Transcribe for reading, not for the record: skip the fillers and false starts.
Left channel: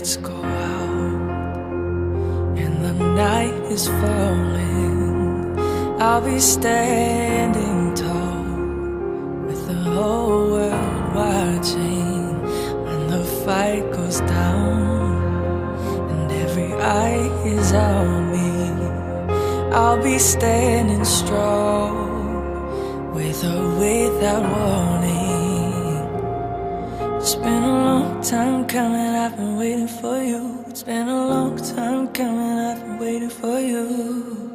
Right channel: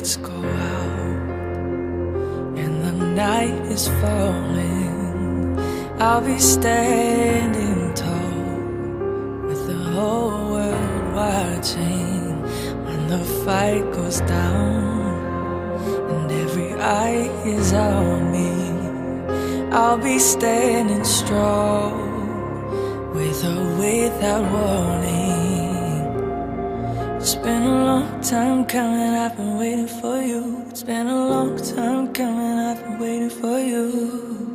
lights go out and the night is falling, I'll be standing tall with the whole world watching. When the fight goes down and every eye is on me, I'll be standing strong with or without warning. It's been a long time coming, I've been waiting for you. It's been a long time coming, I've been waiting for you.